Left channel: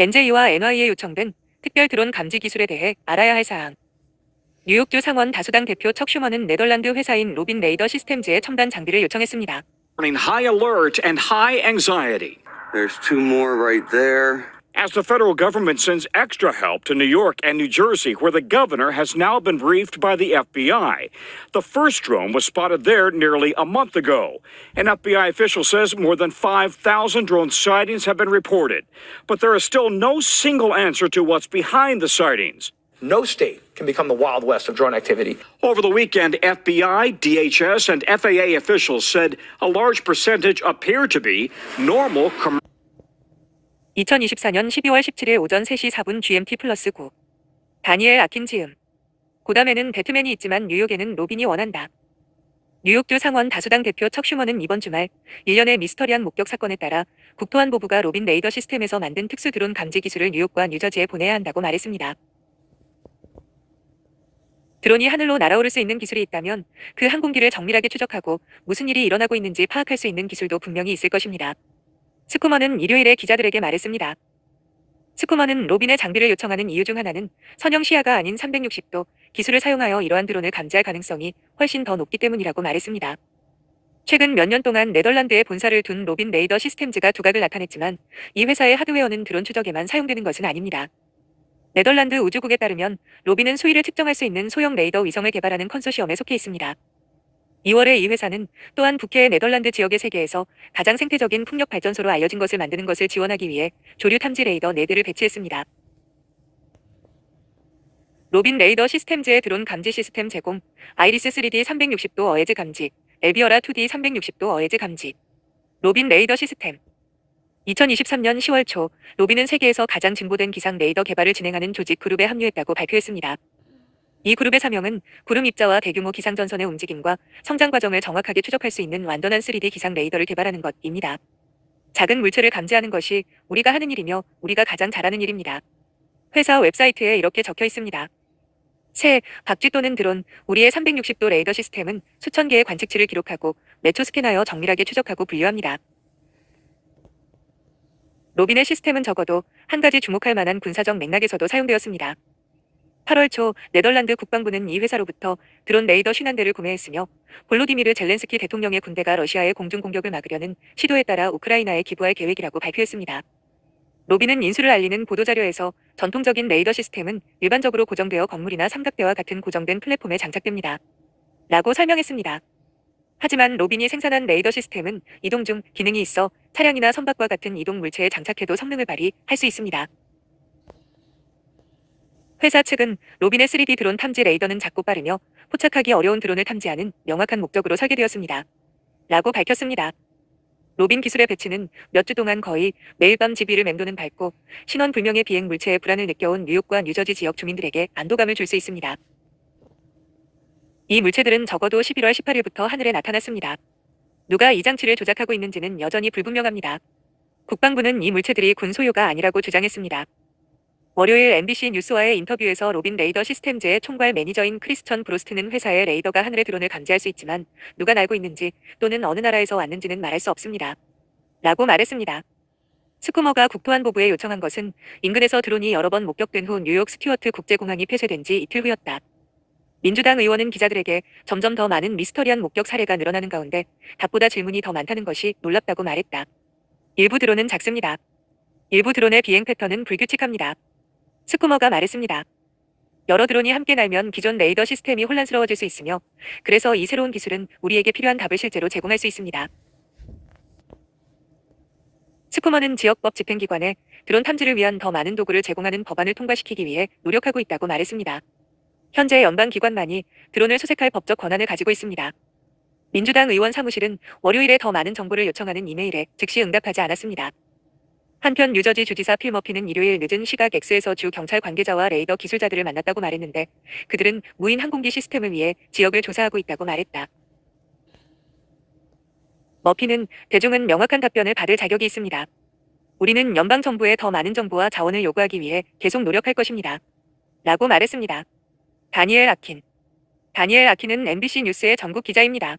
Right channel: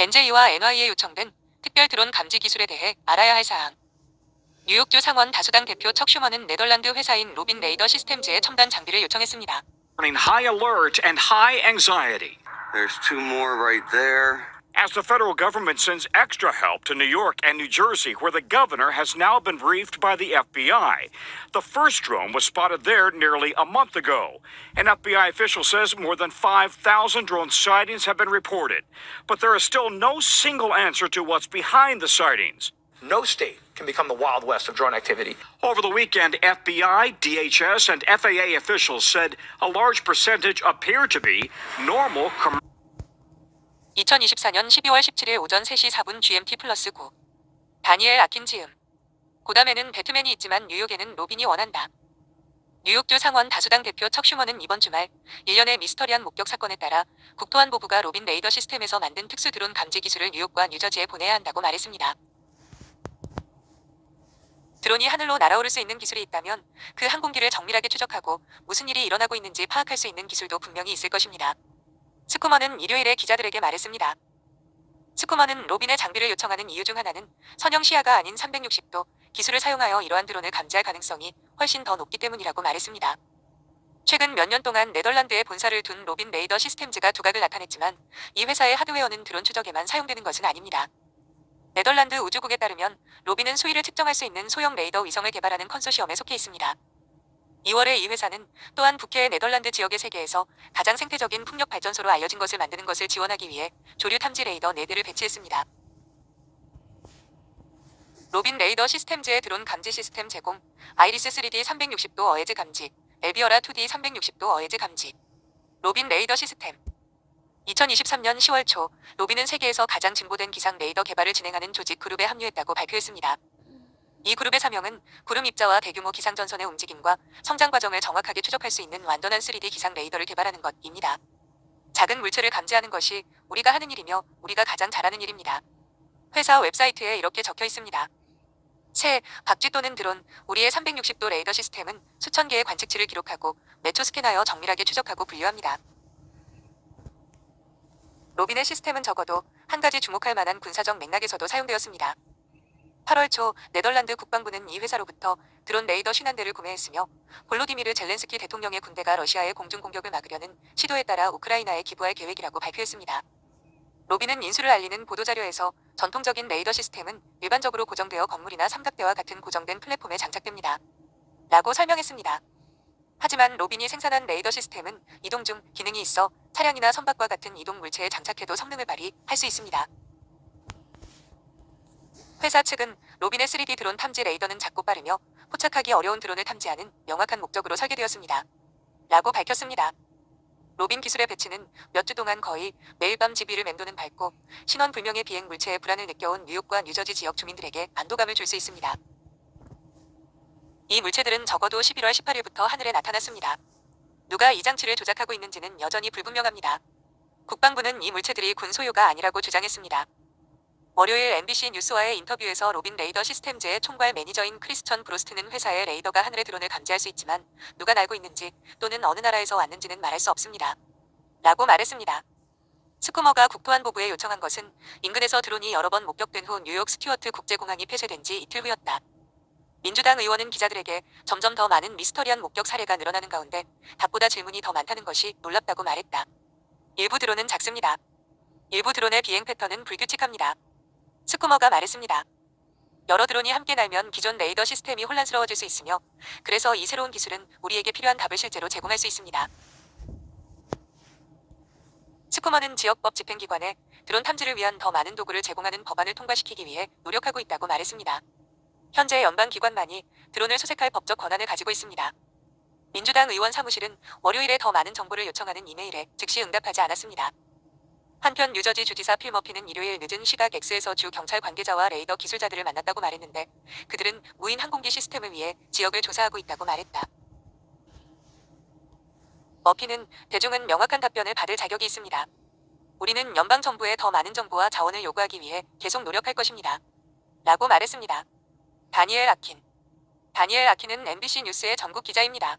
NJ와 NY에 요청된 특별 드론 감지 기술에 대해 알아야 할 사항. 뉴욕주 상원 다수당 대표 척 슈머는 네덜란드 회사인 로빈 레이더 시스템즈에 첨단 장비를 요청했습니다. High alert and high anxiety. There's two more right there. As the federal government sends extra help to New York and New Jersey, where the governor has now been briefed by the FBI. The first drone was spotted there nearly a month ago. An FBI official says more than 5,000 drone sightings have been reported. But there is still no single answer to what's behind the sightings. No state can become the Wild West of drone activity. Over the weekend, FBI, DHS, and FAA officials said a large percentage appear to be normal commercial. 2024년 12월 17일 오전 3시 4분 GMT 플러스 9. 다니엘 아킨 지음. 고담에는 배트맨이 있지만 뉴욕에는 로빈이 원한다. 뉴욕주 상원 다수당 대표 척 슈머는 이번 주말 일련의 미스터리한 목격 사건에 따라 국토안보부가 로빈 레이더 시스템에서 만든 특수 드론 감지 기술을 뉴욕과 뉴저지에 보내야 한다고 말했습니다. 드론이 하늘로 날아오를 수 있는 기술이 있다면 그 항공기를 정밀하게 추적하고 무슨 일이 일어나고 있는지 파악할 수 있는 기술도 분명히 있을 것입니다. 스쿠머는 일요일에 기자들에게 말했습니다. 스쿠머는 로빈의 장비를 요청하는 이유 중 하나는 선형 시야가 아닌 360도 기술을 사용하여 이러한 드론을 감지할 가능성이 훨씬 더 높기 때문이라고 말했습니다. 최근 몇 년 동안 네덜란드에 본사를 둔 로빈 레이더 시스템즈가 두각을 나타냈지만 이 회사의 하드웨어는 드론 추적에만 사용되는 것은 아닙니다. 네덜란드 우주국에 따르면 로빈은 수위를 측정할 수 있는 소형 레이더 위성을 개발하는 컨소시엄에 속해 있습니다. 2월에 이 회사는 또한 북해의 네덜란드 지역의 세계에서 가장 생태적인 풍력 발전소로 알려진 것을 만드는 것을 지원하기 위해 조류 탐지 레이더 4대를 배치했습니다. 로빈 레이더 시스템즈의 드론 감지 시스템 제공, 아이리스 3D 360도 어헤즈 감지, 엘비어라 2D 360도 어헤즈 감지. 로빈 레이더 시스템. 2023년 10월 초 로빈은 세계에서 가장 진보된 기상 레이더 개발을 진행하는 조직 그룹에 합류했다고 발표했습니다. 이 그룹의 사명은 구름 입자와 대규모 기상 전선의 움직임과 성장 과정을 정확하게 추적할 수 있는 완전한 3D 기상 레이더를 개발하는 것입니다. 작은 물체를 감지하는 것이 우리가 하는 일이며 우리가 가장 잘하는 일입니다. 회사 웹사이트에 이렇게 적혀 있습니다. 새, 박쥐 또는 드론, 우리의 360도 레이더 시스템은 수천 개의 관측치를 기록하고 매초 스캔하여 정밀하게 추적하고 분류합니다. 로빈의 시스템은 적어도 한 가지 주목할 만한 군사적 맥락에서도 사용되었습니다. 8월 초 네덜란드 국방부는 이 회사로부터 드론 레이더 50대를 구매했으며 볼로디미르 젤렌스키 대통령의 군대가 러시아의 공중 공격을 막으려는 시도에 따라 우크라이나에 기부할 계획이라고 발표했습니다. 로빈은 인수를 알리는 보도자료에서 전통적인 레이더 시스템은 일반적으로 고정되어 건물이나 삼각대와 같은 고정된 플랫폼에 장착됩니다. 라고 설명했습니다. 하지만 로빈이 생산한 레이더 시스템은 이동 중 기능이 있어 차량이나 선박과 같은 이동 물체에 장착해도 성능을 발휘할 수 있습니다. 회사 측은 로빈의 3D 드론 탐지 레이더는 작고 빠르며 포착하기 어려운 드론을 탐지하는 명확한 목적으로 설계되었습니다. 라고 밝혔습니다. 로빈 기술의 배치는 몇 주 동안 거의 매일 밤 집 위를 맴도는 밝고 신원 불명의 비행 물체의 불안을 느껴온 뉴욕과 뉴저지 지역 주민들에게 안도감을 줄 수 있습니다. 이 물체들은 적어도 11월 18일부터 하늘에 나타났습니다. 누가 이 장치를 조작하고 있는지는 여전히 불분명합니다. 국방부는 이 물체들이 군 소유가 아니라고 주장했습니다. 월요일 MBC 뉴스와의 인터뷰에서 로빈 레이더 시스템즈의 총괄 매니저인 크리스천 브로스트는 회사의 레이더가 하늘의 드론을 감지할 수 있지만 누가 날고 있는지 또는 어느 나라에서 왔는지는 말할 수 없습니다. 라고 말했습니다. 스쿠머가 국토안보부에 요청한 것은 인근에서 드론이 여러 번 목격된 후 뉴욕 스튜어트 국제공항이 폐쇄된 지 이틀 후였다. 민주당 의원은 기자들에게 점점 더 많은 미스터리한 목격 사례가 늘어나는 가운데 답보다 질문이 더 많다는 것이 놀랍다고 말했다. 일부 드론은 작습니다. 일부 드론의 비행 패턴은 불규칙합니다. 스쿠머가 말했습니다. 여러 드론이 함께 날면 기존 레이더 시스템이 혼란스러워질 수 있으며 그래서 이 새로운 기술은 우리에게 필요한 답을 실제로 제공할 수 있습니다. 스쿠머는 지역법 집행기관에 드론 탐지를 위한 더 많은 도구를 제공하는 법안을 통과시키기 위해 노력하고 있다고 말했습니다. 현재 연방기관만이 드론을 수색할 법적 권한을 가지고 있습니다. 민주당 의원 사무실은 월요일에 더 많은 정보를 요청하는 이메일에 즉시 응답하지 않았습니다. 한편 뉴저지 주지사 필 머피는 일요일 늦은 시각 X에서 주 경찰 관계자와 레이더 기술자들을 만났다고 말했는데 그들은 무인 항공기 시스템을 위해 지역을 조사하고 있다고 말했다. 머피는 대중은 명확한 답변을 받을 자격이 있습니다. 우리는 연방정부에 더 많은 정보와 자원을 요구하기 위해 계속 노력할 것입니다. 라고 말했습니다. 다니엘 아킨은 MBC 뉴스의 전국 기자입니다.